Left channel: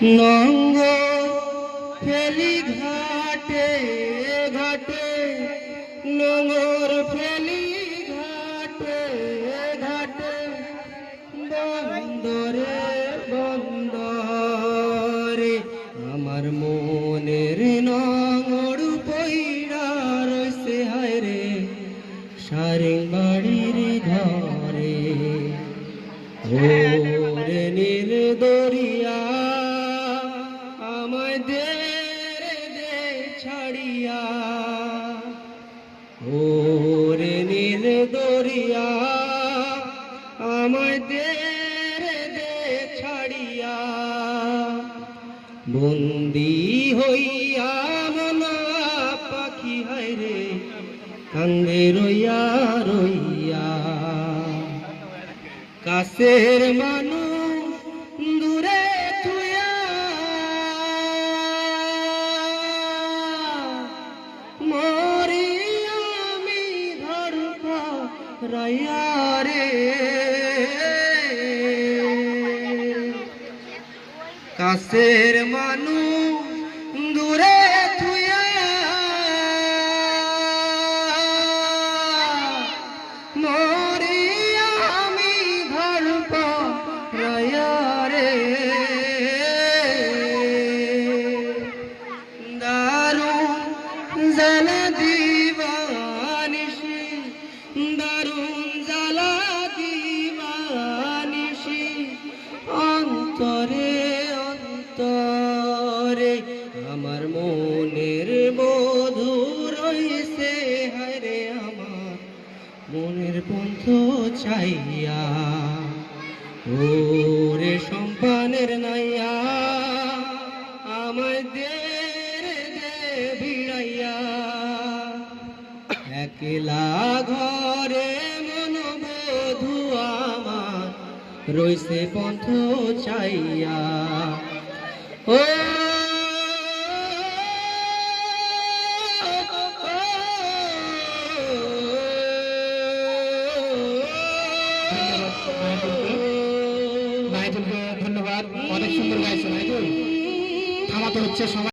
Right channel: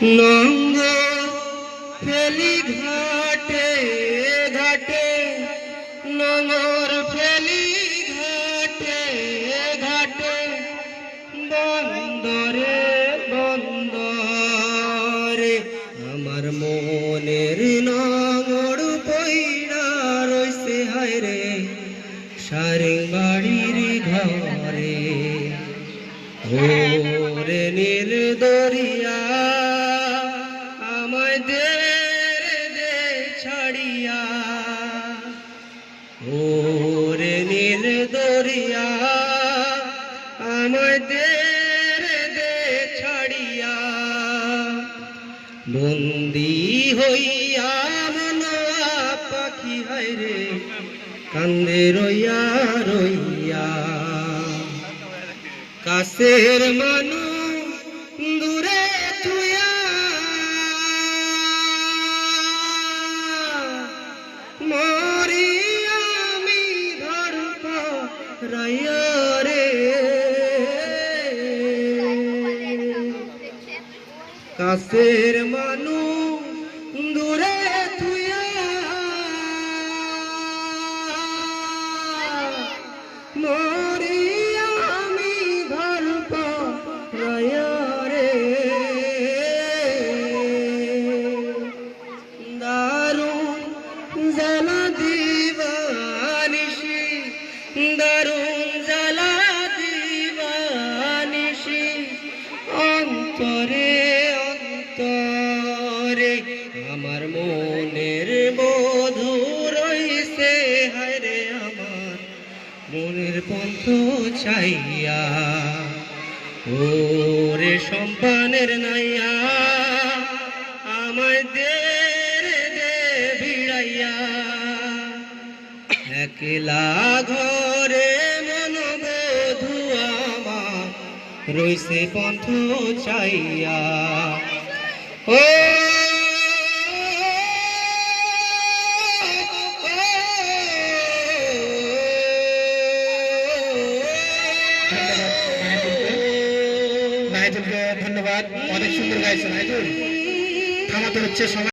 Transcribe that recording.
নোংর ফেলি ঘাটে ঘাটে, নোংর ফেলি ঘাটে ঘাটে, বন্দরে বন্দরে আমার মনের নোংর পইড়া রইছে হায় রে সারেং বাড়ির ঘরে। ওরে নীল দরিয়া আমায় দে দে ছাড়িয়া, ওরে নীল দরিয়া আমায় দে দে ছাড়িয়া। বন্দি হইয়া মনোয়া পাখি হায় রে কান্দে রইয়া রইয়া। কাছের মানুষ দূরে থুইয়া মরি আমি ধড়ফড়াইয়া রে। কাছের মানুষ দূরে থুইয়া মরি আমি ধড়ফড়াইয়া রে। দারুণ জ্বালা দিবানিশি, দারুণ জ্বালা দিবানিশি, অন্তরে অন্তরে আমার মনের বধূ রইছে হায় রে আমার মনের পন্থ চাইয়া। ওরে সম্পানের নাইয়া আমায় দে দে ভিড়াইয়া। একলা ঘরে মন বধূ আমার রইছে পন্থ চাইয়া। ও নাইজুলকে ধন্যবাদ, অনেক সুন্দর গাইছে নাইজুল। থামাতে হচ্ছে সময়।